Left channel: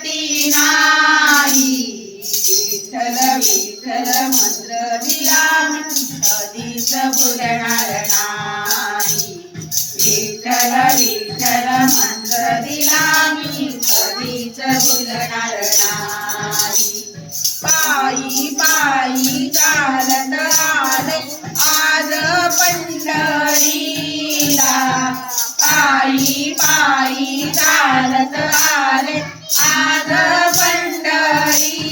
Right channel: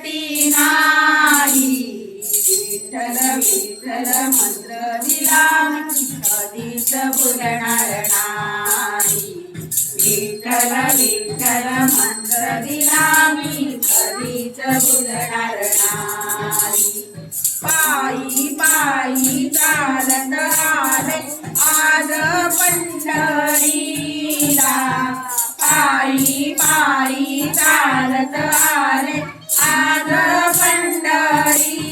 मुरती नाही. विठ्ठल विठ्ठल मंत्र दिला मी कधीच भुलणार नाही. विठ्ठल विठ्ठल मंत्र दिला मी कधीच भुलणार नाही. पायी पायी चालत आले आज पंढरीला. पायी पायी चालत आले आज पंढरीला.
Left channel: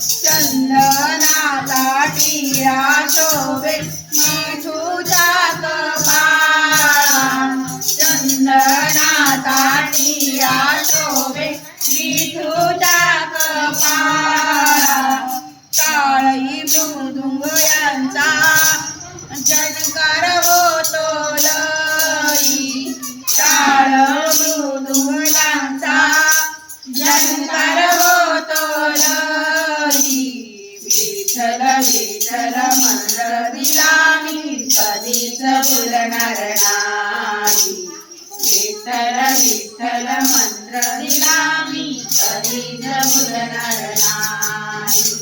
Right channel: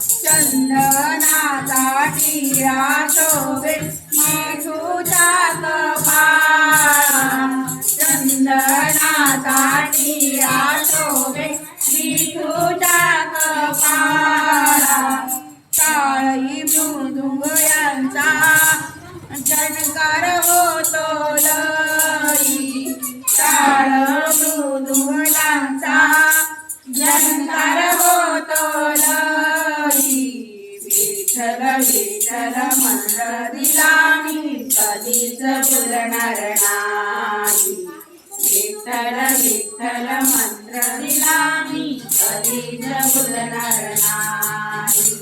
चंदनाचा टिळा शोभे मिठूच्या कपाळा. चंदनाचा टिळा शोभे मिठूच्या कपाळा. टाळी मृदुंग यांचा झणकार होतो लई. टाळ मृदुंग यांचा झणकार होतो लई. विठ्ठल विठ्ठल मंत्र दिला मी कधीच भुलणार नाही. विठ्ठल विठ्ठल मंत्र दिला मी कधीच भुलणार नाही.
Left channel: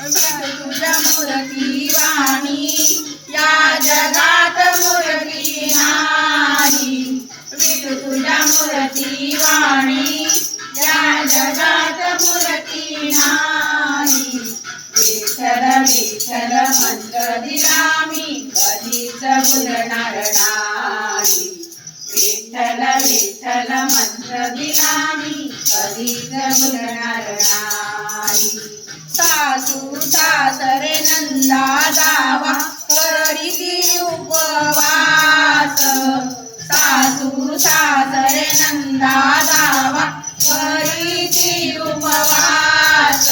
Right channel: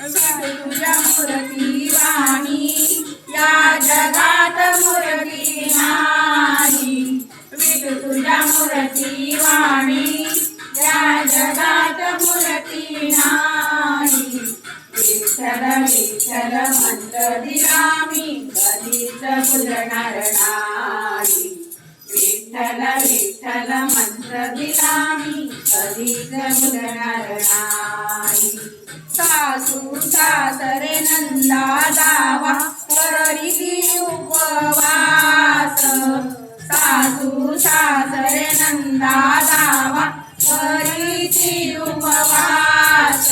विठू तुझ्या मूर्ती वाणी या जगात मूर्ती नाही. विठू तुझ्या मूर्ती वाणी या जगात मूर्ती नाही. विठ्ठल विठ्ठल मंत्र दिला मी कधीच भुलणार नाही. विठ्ठल विठ्ठल मंत्र दिला मी कधीच भुलणार नाही. सासू सासरे नंदा जावा करीती उपवास. सासू सासरे नंदा जावा करीती उपवास.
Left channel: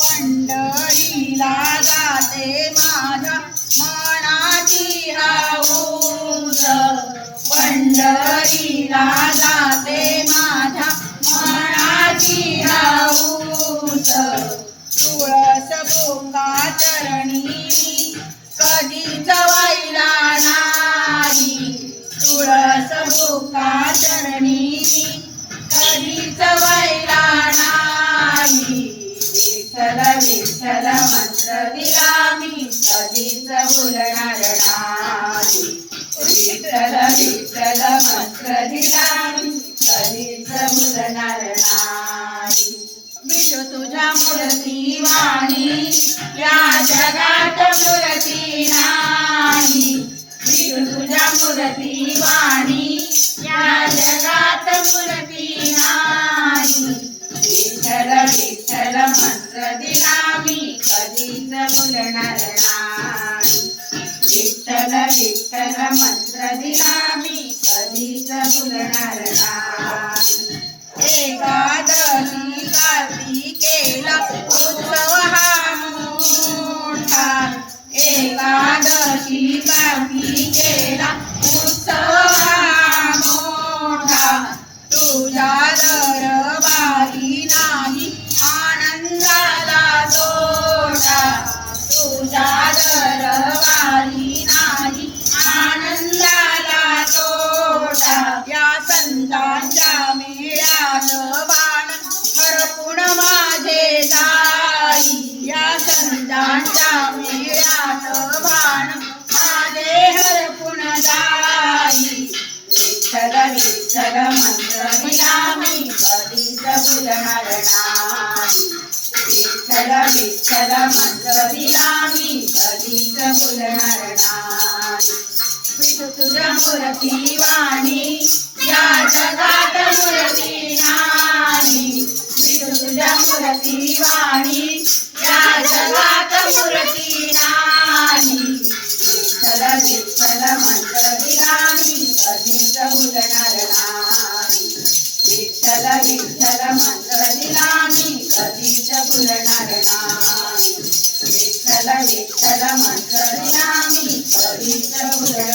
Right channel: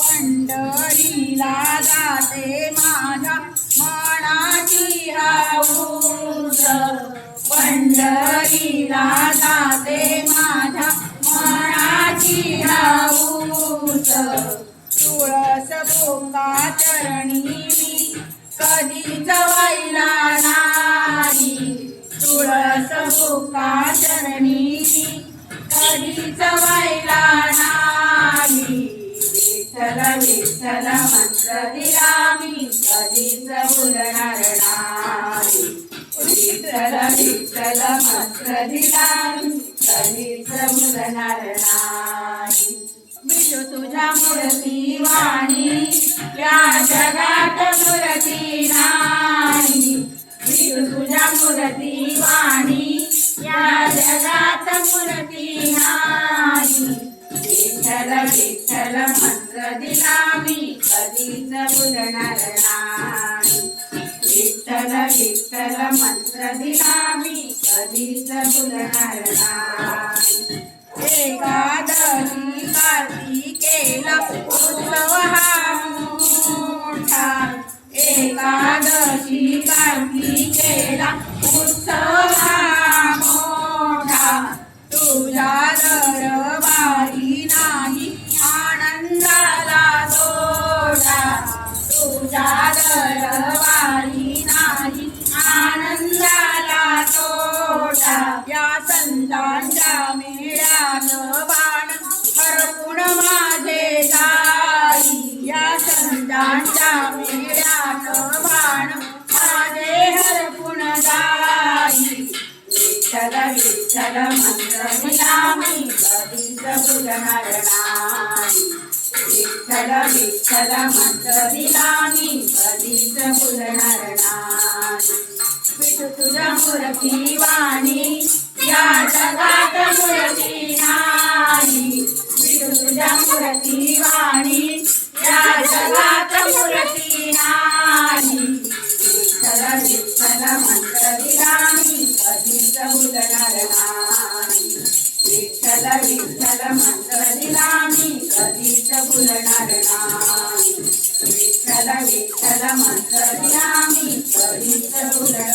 पंढरीला जाते माझ्या मनाची हौस. पंढरीला जाते माझ्या मनाची हौस. तुळस बोका चरणी मी कधीच वाहिला नाही. तुळस बोका चरणी मी कधीच वाहिला नाही. विठ्ठल विठ्ठल मंत्र दिला मी कधीच भुलणार नाही. विठ्ठल विठ्ठल मंत्र दिला मी कधीच भुलणार नाही. विठू तुझ्या मूर्ती वाणी या जगात मूर्ती नाही. विठू तुझ्या मूर्ती वाणी या जगात मूर्ती नाही. विठ्ठल विठ्ठल मंत्र दिला मी कधीच भुलणार नाही. विठ्ठल विठ्ठल मंत्र दिला मी कधीच भुलणार नाही. एकादशी कार्तिकेला उत्सव हा मोठा. एकादशी कार्तिकेला उत्सव हा मोठा. तुझ्या दरबारी नाही आनंदाला तोटा. तुझ्या दरबारी नाही आनंदाला तोटा. या संतांच्या मेळ्यात बाण हरपून माझे जाई. या संतांच्या मेळ्यात बाण माझे हरपून जाई. विठ्ठल विठ्ठल मंत्र दिला मी कधीच भुलणार नाही. विठ्ठल विठ्ठल मंत्र दिला मी कधीच भुलणार नाही. विठू तुझ्या मूर्ती वाणी या जगात मूर्ती नाही. विठू तुझ्या मूर्ती वाणी या जगात मूर्ती नाही. विठ्ठल विठ्ठल मंत्र दिला मी कधीच भुलणार नाही. विठ्ठल विठ्ठल मंत्र दिला मी कधीच भुलणार नाही. विठ्ठल विठ्ठल मंत्र दिला मी कधीच भुलणार